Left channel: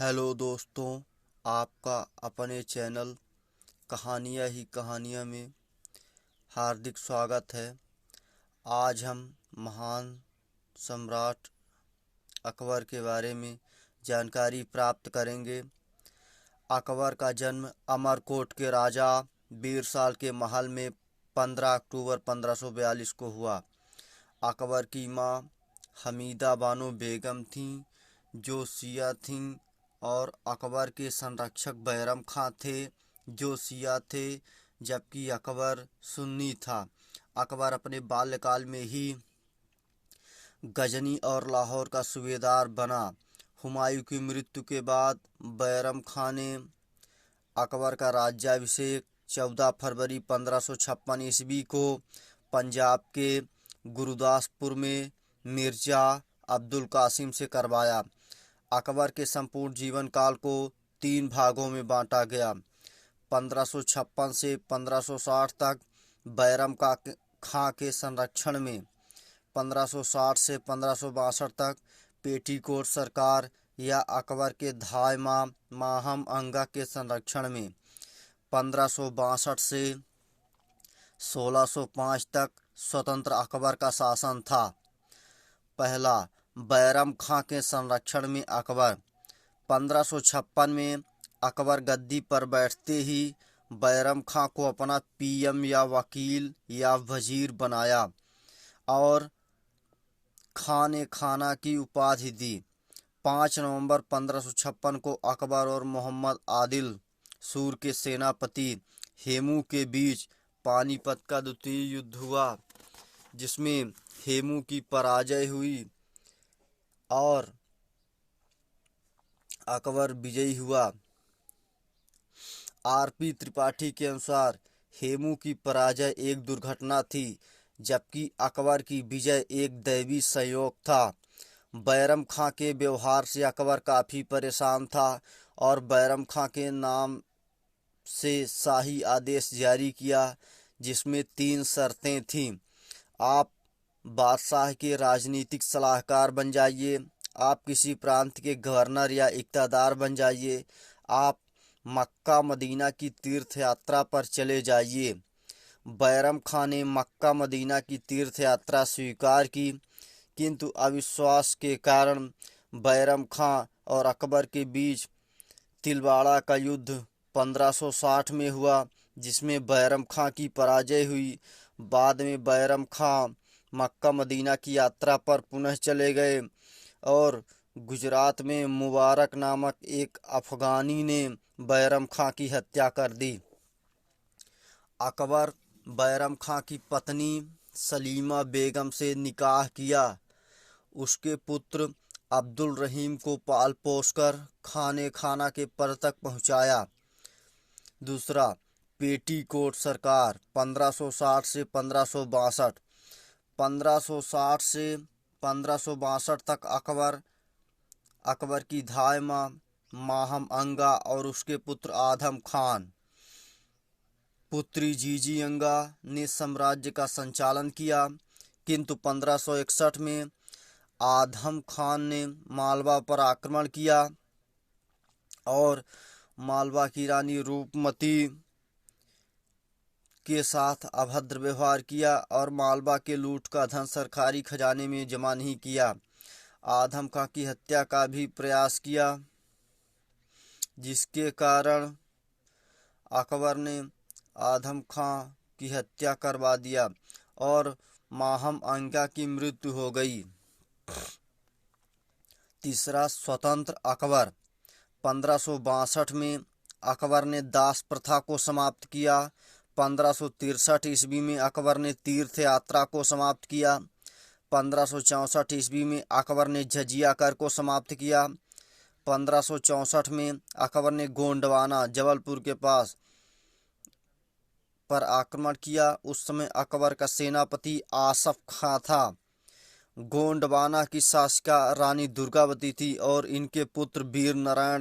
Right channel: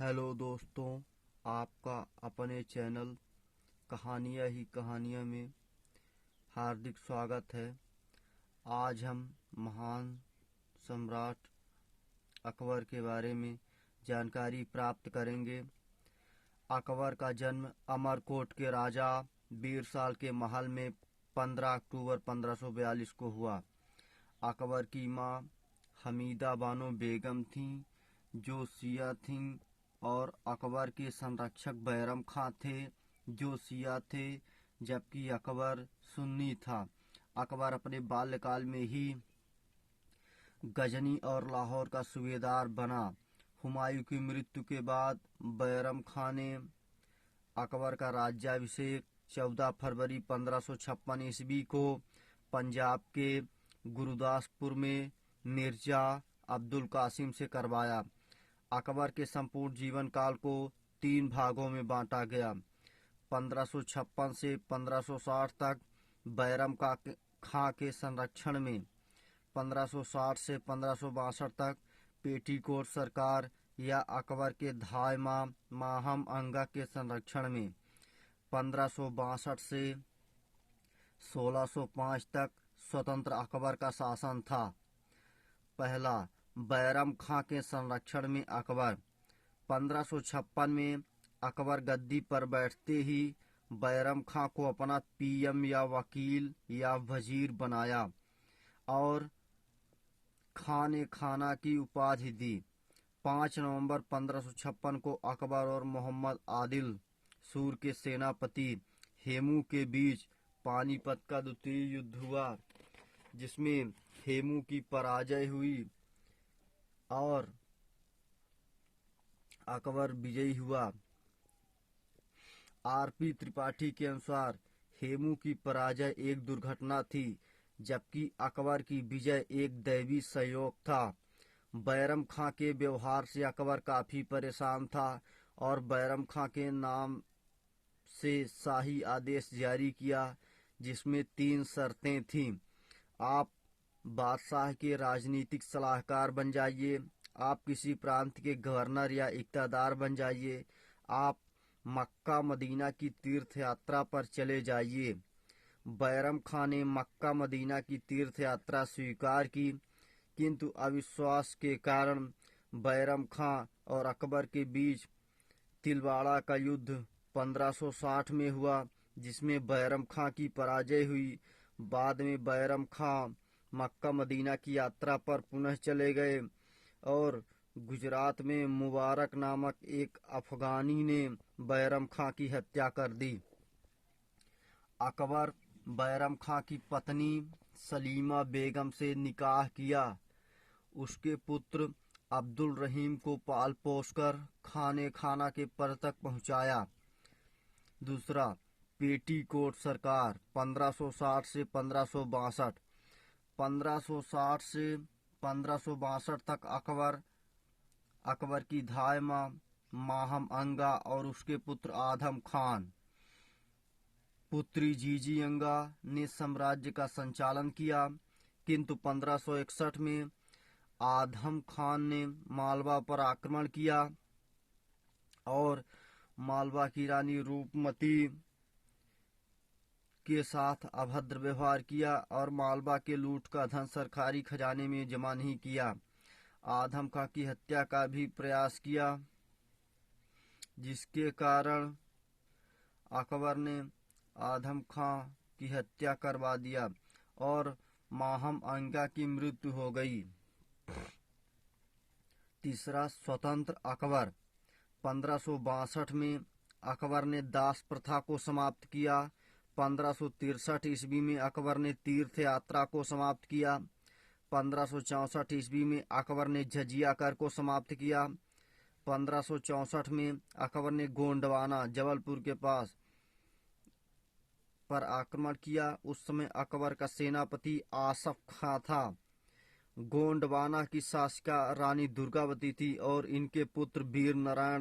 Hello दोस्तों, आपका अपने चैनल कहानियाँ ही कहानियाँ में हार्दिक स्वागत है। आज हम महान सम्राट अकबर के बारे में जानकारी प्राप्त करेंगे। अकबर का जन्म अमरकोट के राजा बीरसाल के महल में 15 अक्टूबर 1542 को हुआ। अकबर की माँ हमीदा बानो बेगम थीं, जो शिया थीं, और अकबर के संरक्षक बैरम खां थे, जो शिया थे, जबकि अकबर सुन्नी था। अकबर अपने बाल्यकाल में ही गजनी और लाहौर का सूबेदार बना। हुमायूं की मृत्यु के बाद बैरम खां ने अकबर का राज्याभिषेक 14 फरवरी 1556 ईस्वी को पंजाब के गुरुदासपुर में मिर्जा अब्दुल कासिम से करवाया। अकबर के संपूर्ण जीवन काल को 3 भागों में बांटा गया। 1556 से 1560 तक बैरम खां के संरक्षण में, 1560 से 1562 तक पेटीकोट सरकार या अकबर के धाय माहम अंगा के संरक्षण में, 1562 से 1605 तक स्वतंत्र अकबर का शासन था। पहला, बैरम खां के संरक्षण में अकबर। 1556 में अकबर गद्दी पर बैठते ही बैरम खां को अपना पीएम या वकील या वजीर बनाया और खां ने खाना की उपाधि दी। 5 नवंबर 1556 को अकबर और मोहम्मद आदिल सूर के सेनापति हेमू के बीच पानीपत का द्वितीय युद्ध हुआ, जिसमें हेमू की पराजय हुई और अकबर विजयी हुआ। आरपी त्रिपाठी के अनुसार हेमू की पराजय एक दुर्घटना थी, जबकि अकबर की विजय एक दैवी संयोग था। बैरम खां के व्यवहार से अकबर काफ़ी परेशान था और बैरम खां के नाम से शाही आदेश जारी किया, जिसमें 3 शर्तें थीं। आप बादशाह के राजनीतिक सलाहकार बन जाइए, आप किसी प्रांत के गवर्नर या इक़्तिदार बन जाइए, आप मक्का मदीना की तीर्थ यात्रा पर चले जाइए। बैरम खां ने मक्का मदीना की तीर्थ यात्रा स्वीकार की, किंतु अविश्वास के कारण बैरम खां और अकबर के बीच तिलवाड़ा का युद्ध 1560 में हुआ, जिसमें बैरम खां की पराजय हुई। बाद में बैरम खां मक्का मदीना की यात्रा पर पुनः चले गए और गुजरात में मुबारक नामक एक अफगानी ने बैरम खां की हत्या कर दी। अकबर बैरम खां की पत्नी सलीमा बेगम से निकाह किया। उसके पुत्र अब्दुल रहीम को पाल पोसकर खाने खाना के पद तक पहुंचाया। दूसरा, पेटीकोट सरकार 1560 से 1562। 1560 से 1562 तक अकबर की धाय माहम अंगा और उसके पुत्र आदम खान, पुत्री जीजी अंगा ने साम्राज्य का संचालन किया, किंतु 1561 में आदम खान ने मालवा पर आक्रमण किया और मालवा की रानी रूपमती के साथ अभद्र व्यवहार किया और मालवा के लूट का धन सरकारी खजाने में जमा नहीं किया। आदम खां की हत्या का भी प्रयास किया, जिसके कारण अकबर ने आदम खां की हत्या करवा दिया और माहम अंगा की मृत्यु हो गई। तीसरा, स्वतंत्र अकबर। 1562 में अकबर ने दास प्रथा को समाप्त किया। 1563 ईस्वी में अकबर ने तीर्थ यात्रा को समाप्त किया। 1564 ईस्वी में अकबर ने जजिया कर को समाप्त किया। 1564 में अकबर ने गोंडवाना जबलपुर के पास पर आक्रमण किया। उस समय अकबर का सेनापति आसफ खां था। गोंडवाना की शासिका रानी दुर्गावती थी और इनके पुत्र वीर नारायण